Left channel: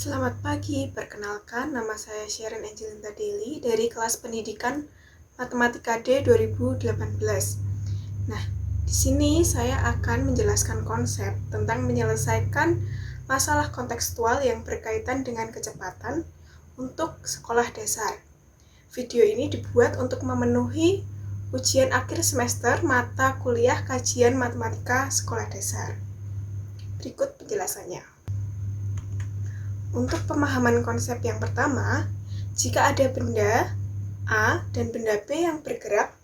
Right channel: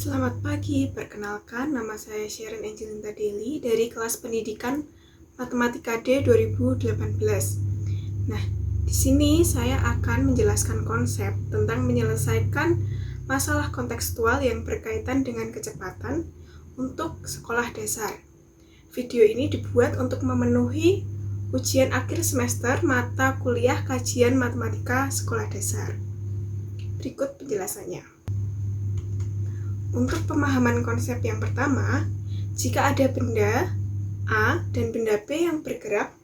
Selamat pagi, perkenalkan nama saya Sharon Angelinta Deli dari kelas pendidikan Matematika D 2018. Nah, di sini saya akan menjelaskan konsep tentang menyelesaikan masalah kontekstual yang berkaitan dengan kecepatan untuk sekolah dasar. Video ini dibuat untuk memenuhi ujian akhir semester mata kuliah kajian matematika sekolah dasar. Berikut penjelasannya. Untuk pemahaman konsep yang pertama, jika ada benda A dan benda B yang bergerak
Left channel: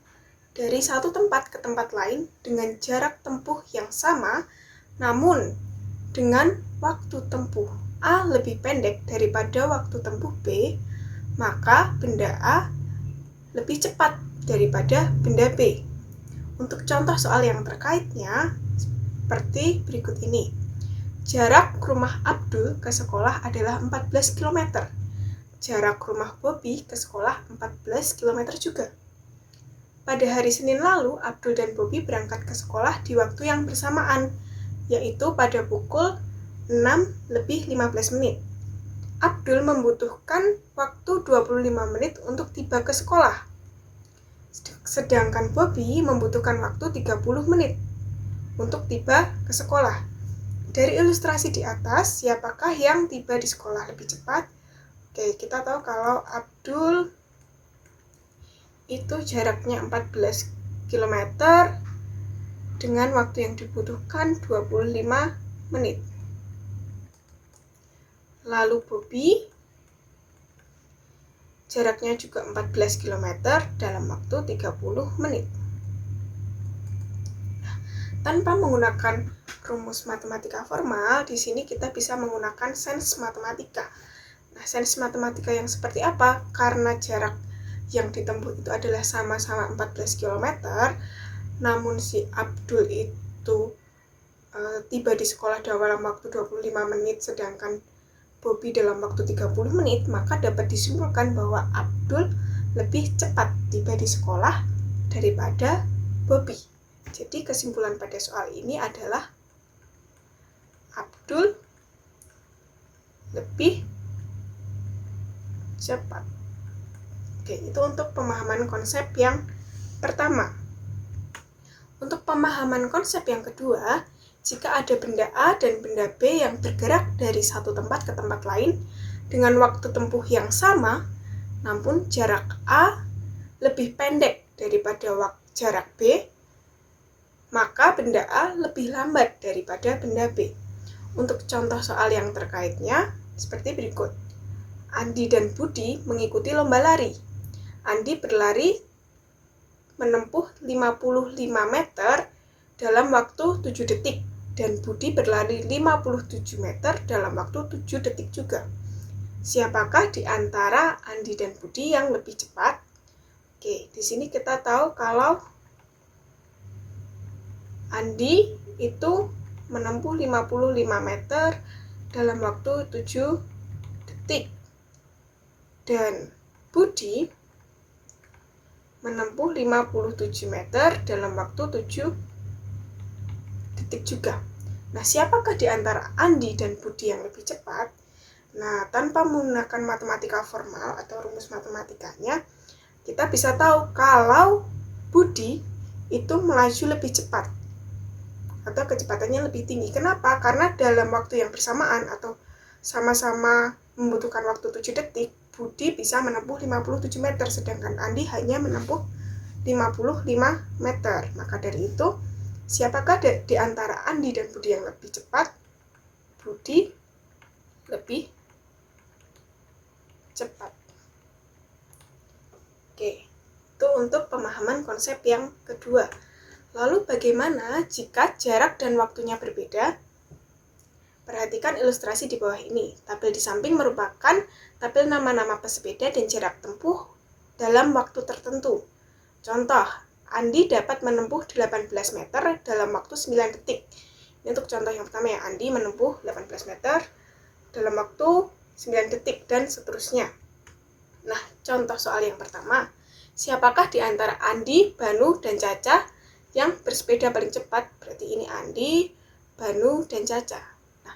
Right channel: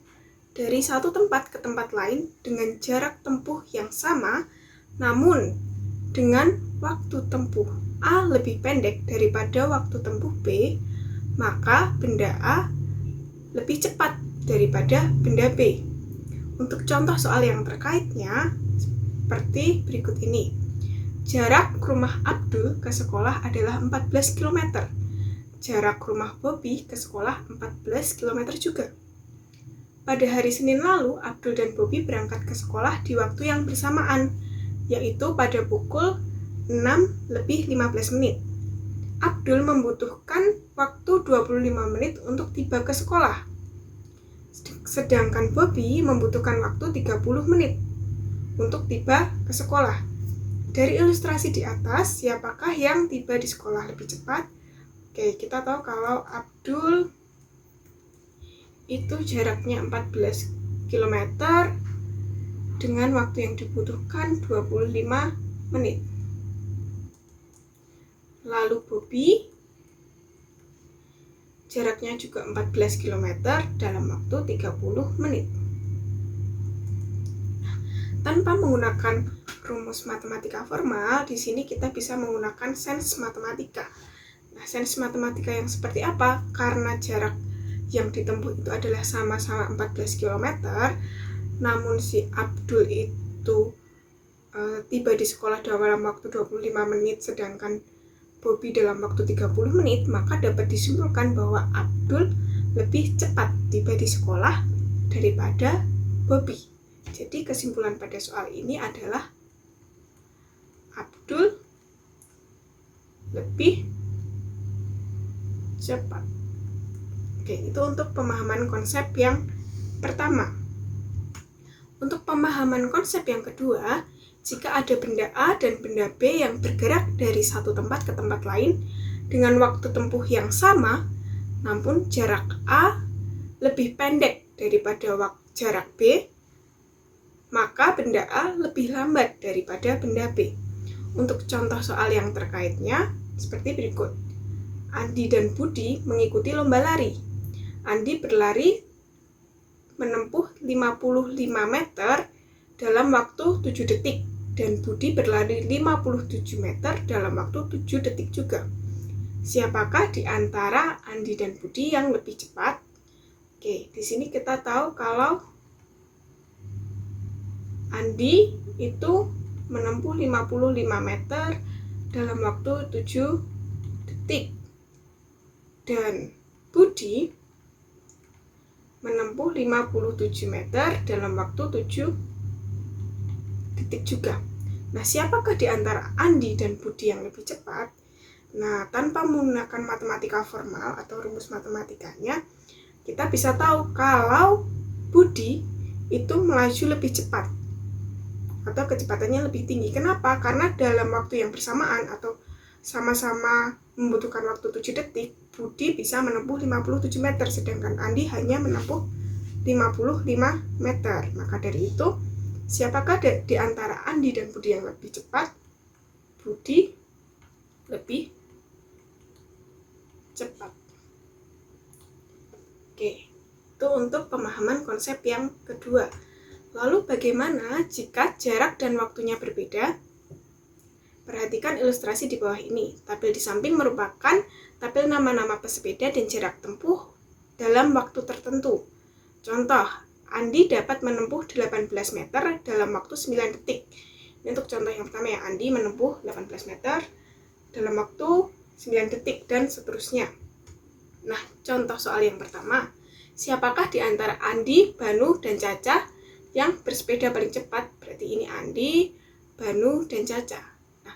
dari satu tempat ke tempat lain dengan jarak tempuh yang sama, namun dengan waktu tempuh A lebih pendek daripada waktu tempuh B, maka benda A lebih cepat daripada benda B. Untuk contoh soal yang terkaitnya, seperti berikut ini. Jarak rumah Abdul ke sekolah adalah 14 km. Jarak rumah Bobby ke sekolah 14 km juga. Pada hari Senin lalu, Abdul dan Bobby berangkat ke sekolah di waktu yang bersamaan, yaitu pada pukul 6:15. Abdul membutuhkan waktu 25 menit untuk tiba ke sekolah. Sedangkan Bobby membutuhkan waktu 30 menit untuk tiba ke sekolah. Dari ilustrasi di atas, siapakah yang tiba di sekolah lebih cepat? Oke, kita tahu kalau Abdul itu jaraknya 14 km dengan waktu yang dibutuhkan 25 menit. Lalu Bobby jaraknya juga 14 km dalam waktu 30 menit. Tanpa menggunakan rumus matematika formal, di sini kita bisa menggunakan sains matematika. Nah, sains matematika yang seperti apa? Karena jarak yang ditempuh itu adalah sama-sama 14 km, namun si Abdul itu tiba di sekolah dalam waktu 25 menit, sedangkan Bobby dalam waktu 30 menit, maka dapat disimpulkan bahwa Abdul lebih cepat tiba di sekolah daripada Bobby. Jadi kesimpulan pada soal ini adalah Abdul lebih cepat. Oke, itu untuk pemahaman konsep yang pertama. Untuk pemahaman konsep yang kedua, jika ada benda A dan benda B yang bergerak dari satu tempat ke tempat lain dengan waktu tempuh yang sama, namun jarak A lebih pendek daripada jarak B, maka benda A lebih lambat daripada benda B. Untuk contoh soal yang terkaitnya, seperti berikut. Andi dan Budi mengikuti lomba lari. Andi berlari menempuh 55 meter dalam waktu 7 detik, dan Budi berlari 57 meter dalam waktu 7 detik juga. Siapakah di antara Andi dan Budi yang lebih cepat? Oke, di sini kita tahu kalau Andi itu menempuh 55 meter dalam waktu 7 detik. Dan Budi menempuh 57 meter dalam waktu 7 detik juga. Nah, siapakah di antara Andi dan Budi yang lebih cepat? Nah, tanpa menggunakan matematika formal atau rumus matematikanya, kita bisa tahu kalau Budi itu melaju lebih cepat atau kecepatannya lebih tinggi. Kenapa? Karena dalam waktu yang bersamaan atau sama-sama membutuhkan waktu 7 detik, Budi bisa menempuh 57 meter, sedangkan Andi hanya menempuh 55 meter. Maka dari itu, siapakah di antara Andi dan Budi yang lebih cepat? Budi lebih cepat. Oke, itu untuk pemahaman konsep yang kedua. Lalu bagaimana jika jarak dan waktunya berbeda? Perhatikan ilustrasi di bawah ini. Tabel di samping merupakan tabel nama-nama pesepeda dan jarak tempuh dalam waktu tertentu. Contoh, Andi dapat menempuh 18 meter dalam waktu 9 detik. Ini untuk contoh yang pertama ya, Andi menempuh 18 meter dalam waktu 9 detik dan seterusnya. Nah, contoh soal yang pertama, siapakah di antara Andi, Banu, dan Caca yang bersepeda paling cepat? Berarti ini Andi, Banu, dan Caca. Nah,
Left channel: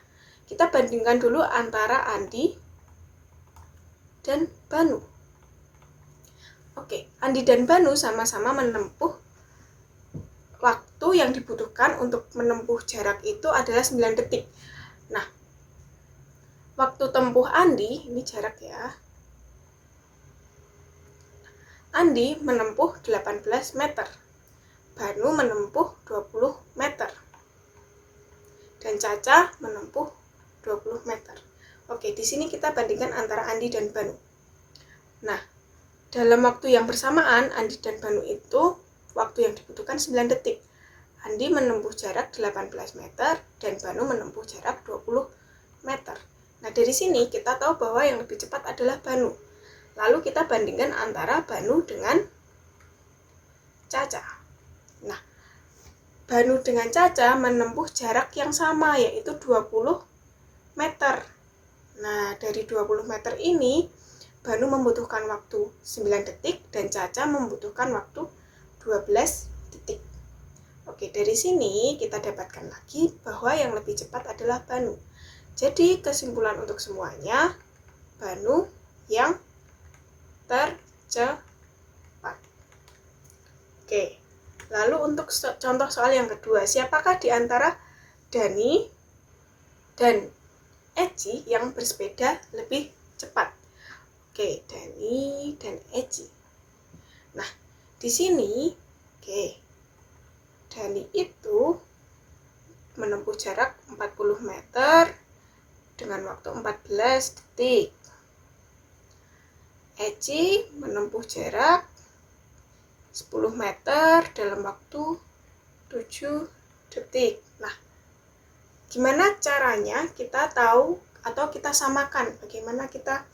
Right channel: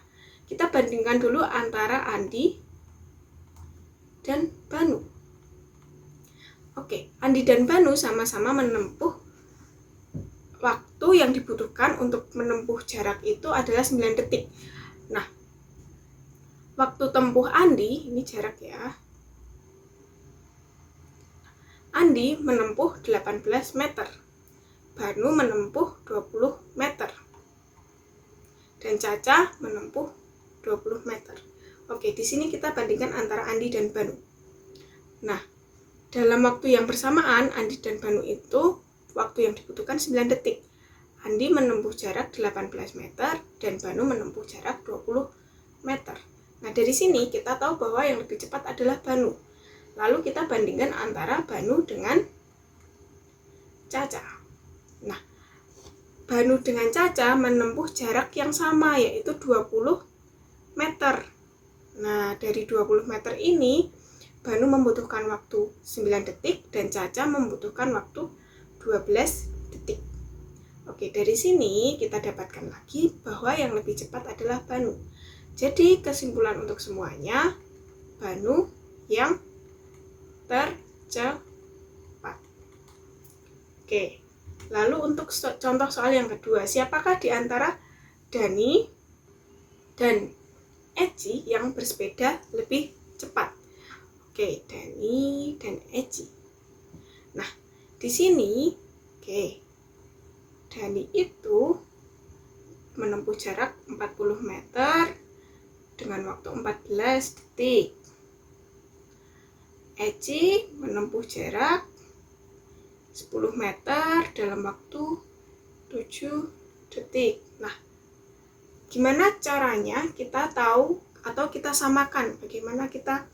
kita bandingkan dulu antara Andi dan Banu. Oke, Andi dan Banu sama-sama menempuh waktu yang dibutuhkan untuk menempuh jarak itu adalah 9 detik. Nah, waktu tempuh Andi, ini jarak ya. Andi menempuh 18 meter. Banu menempuh 20 meter. Dan Caca menempuh 20 meter. Oke, di sini kita bandingkan antara Andi dan Banu. Nah, dalam waktu yang bersamaan, Andi dan Banu itu waktu yang dibutuhkan 9 detik. Andi menempuh jarak 18 meter dan Banu menempuh jarak 20 meter. Nah, dari sini kita tahu bahwa yang lebih cepat adalah Banu. Lalu kita bandingkan antara Banu dengan Caca. Nah, Banu dengan Caca menempuh jarak yang sama, yaitu 20 meter. Nah, dari 20 meter ini, Banu membutuhkan waktu 9 detik dan Caca membutuhkan waktu 12 detik. Oke, dari sini kita dapatkan lagi bahwa yang lebih cepat adalah Banu. Jadi, kesimpulan untuk semuanya, Banu yang tercepat. Oke. Lalu untuk contoh soal yang kedua, siapakah di antara Dani dan Eci yang bersepeda lebih cepat? Oke, Dani dan Eci. Nah, di sini, Dani itu menempuh jarak 40 meter dengan waktu 14 detik. Eci menempuh jarak 10 meter dalam waktu 7 detik. Nah, gimana caranya kita tahu atau kita samakan? Bagaimana kita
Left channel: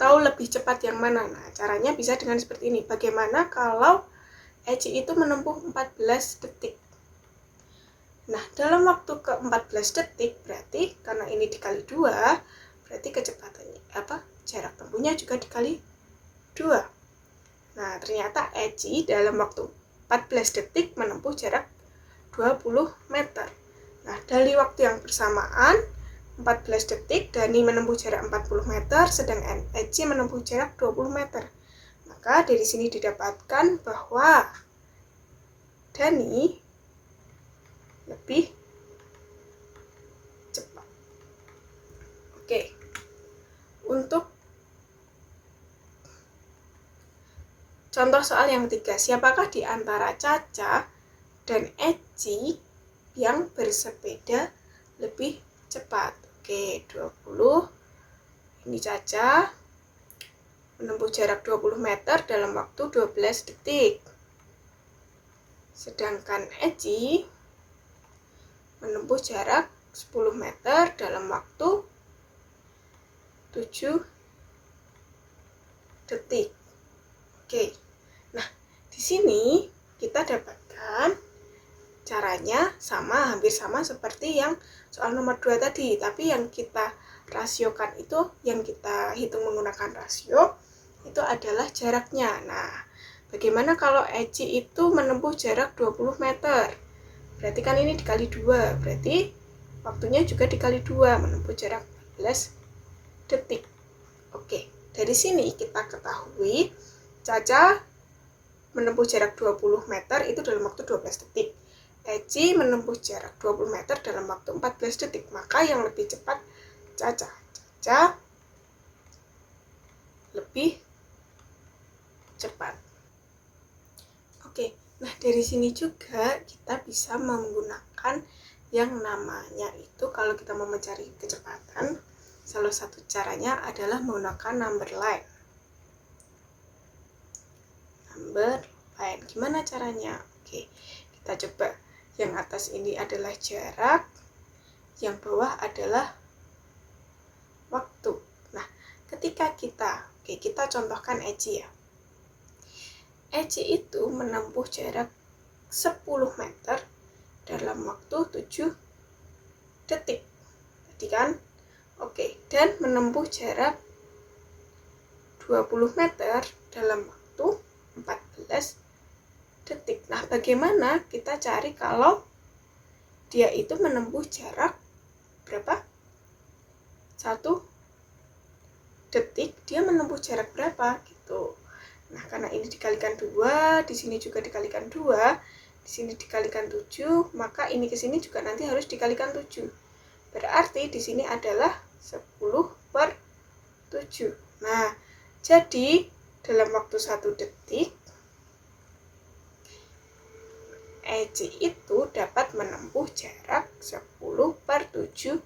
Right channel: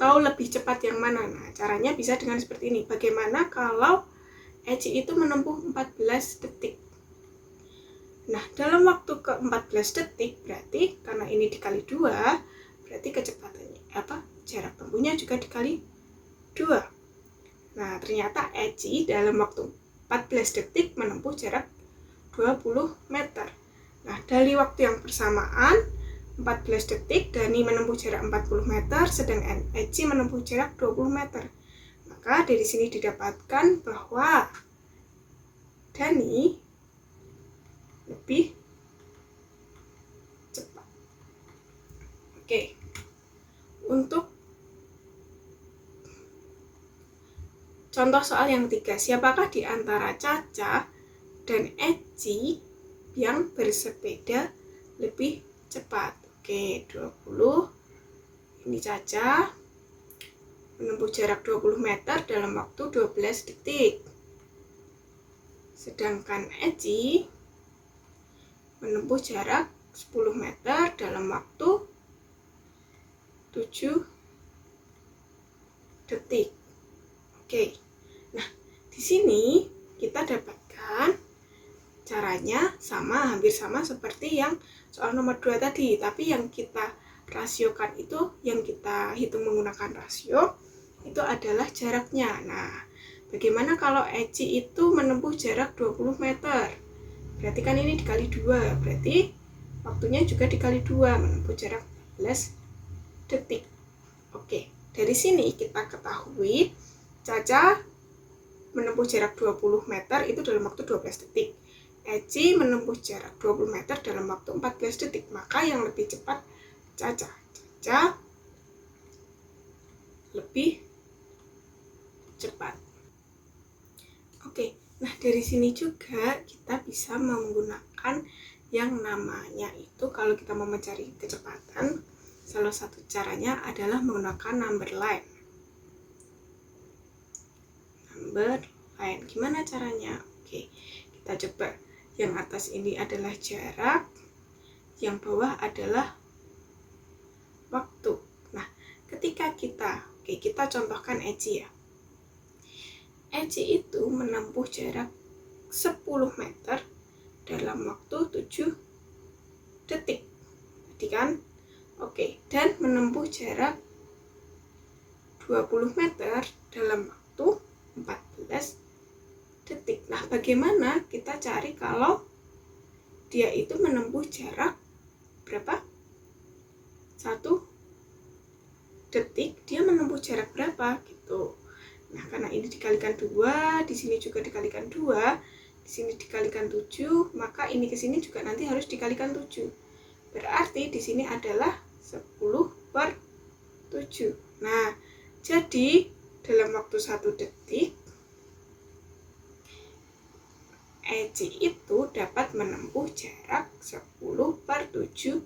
tahu lebih cepat yang mana? Nah, caranya bisa dengan seperti ini. Bagaimana kalau Eci itu menempuh 14 detik? Nah, dalam waktu ke 14 detik berarti karena ini dikali 2, berarti kecepatannya jarak tempuhnya juga dikali 2. Nah, ternyata Eci dalam waktu 14 detik menempuh jarak 20 meter. Nah, dari waktu yang bersamaan, 14 detik, Dani menempuh jarak 40 meter, sedangkan Eci menempuh jarak 20 meter. Maka dari sini didapatkan bahwa Dani lebih cepat. Oke, untuk contoh soal yang ketiga, siapakah di antara Caca dan Eci yang bersepeda lebih cepat? Oke, 20. Ini Caca menempuh jarak 20 meter dalam waktu 12 detik. Sedangkan Eci menempuh jarak 10 meter dalam waktu 7 detik. Oke. Nah, di sini kita dapatkan caranya hampir sama seperti yang soal nomor 2 tadi, tapi yang kita rasiokan itu, yang kita hitung menggunakan rasio, itu adalah jaraknya. Nah, bagaimana kalau Eci itu menempuh jarak 20 meter? Berarti kan ini dikali 2, berarti waktunya juga dikali 2, menempuh jarak 14 detik. Oke, dari sini kita ketahui Caca menempuh jarak 20 meter itu dalam waktu 12 detik. Eci menempuh jarak 20 meter dalam waktu 14 detik. Maka yang lebih cepat Caca. Caca lebih cepat. Oke, nah dari sini juga kita bisa menggunakan yang namanya itu, kalau kita mau mencari kecepatan, salah satu caranya adalah menggunakan number line. Gimana caranya? Oke, kita coba. Yang atas ini adalah jarak, yang bawah adalah waktu. Nah, ketika kita contohkan Eci ya. Eci itu menempuh jarak 10 meter dalam waktu 7 detik. Tadi kan? Oke, dan menempuh jarak 20 meter dalam waktu 14 detik. Nah, bagaimana kita cari kalau dia itu menempuh jarak berapa? 1 detik dia menempuh jarak berapa gitu. Nah, karena ini dikalikan 2, di sini juga dikalikan 2, di sini dikalikan 7, maka ini ke sini juga nanti harus dikalikan 7. Berarti di sini adalah 10/7. Nah, jadi dalam waktu 1 detik Eci itu dapat menempuh jarak 10/7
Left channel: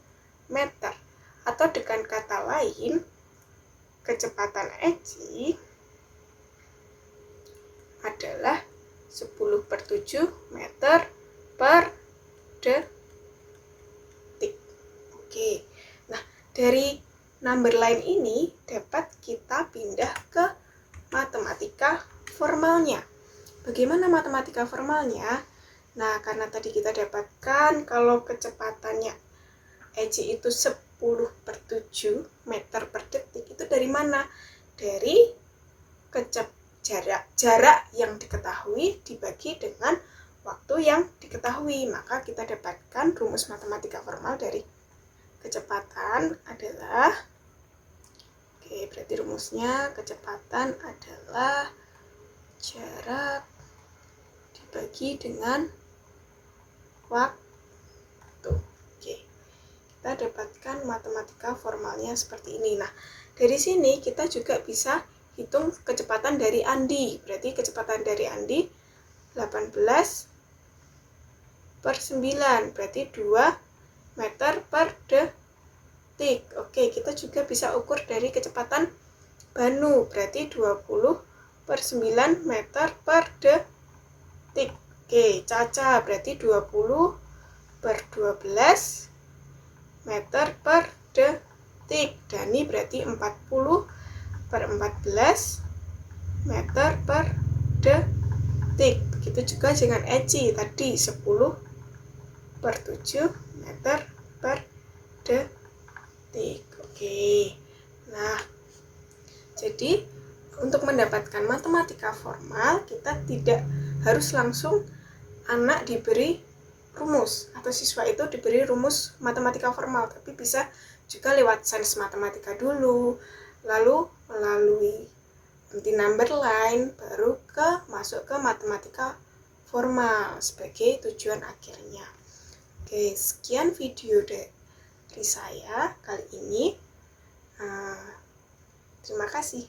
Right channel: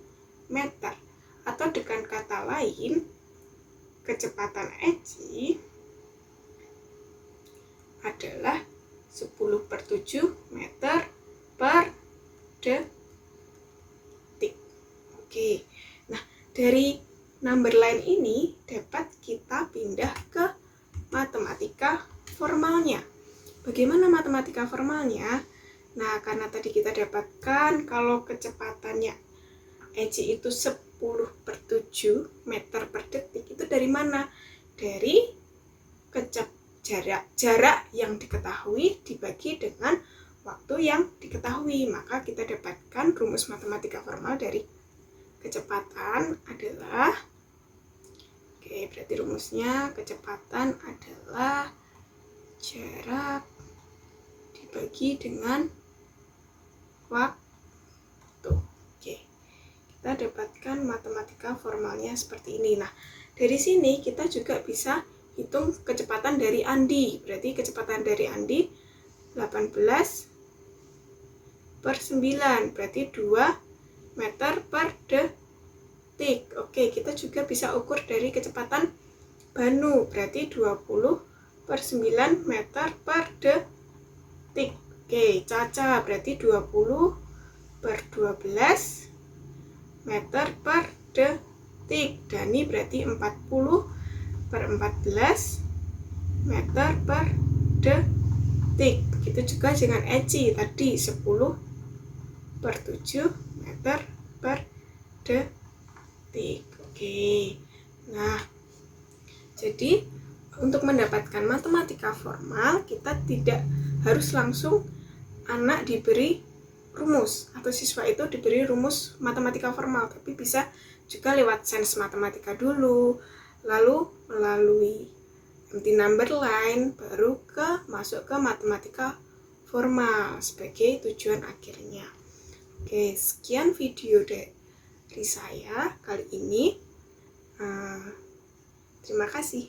meter. Atau dengan kata lain, kecepatan Eci adalah 10/7 meter per detik. Oke, nah dari number line ini dapat kita pindah ke matematika formalnya. Bagaimana matematika formalnya? Nah, karena tadi kita dapatkan kalau kecepatannya Eci itu 10/7 meter per detik, itu dari mana? Dari jarak yang diketahui dibagi dengan waktu yang diketahui. Maka kita dapatkan rumus matematika formal dari kecepatan adalah, berarti rumusnya kecepatan adalah jarak dibagi dengan waktu. Kita dapatkan matematika formalnya seperti ini. Nah, dari sini kita juga bisa hitung kecepatan dari Andi. Berarti kecepatan dari Andi 18/9, berarti 2 meter per detik. Oke, kita juga bisa ukur dari kecepatan Banu, berarti 20/9 meter per detik. Oke, Caca berarti 20/12 meter per detik. Dani berarti 40/14 meter per detik. Begitu juga dengan Eci tadi 10/7 meter per detik. Oke. Nah, jadi untuk mendapatkan matematika formal, kita tidak harus langsung anak diberi rumus atau siswa itu diberi rumus matematika formal, tapi bisa juga lewat sains matematika dulu, lalu melalui empty number line, baru masuk ke matematika formal sebagai tujuan akhirnya. Oke, sekian video dari saya kali ini. Terima kasih.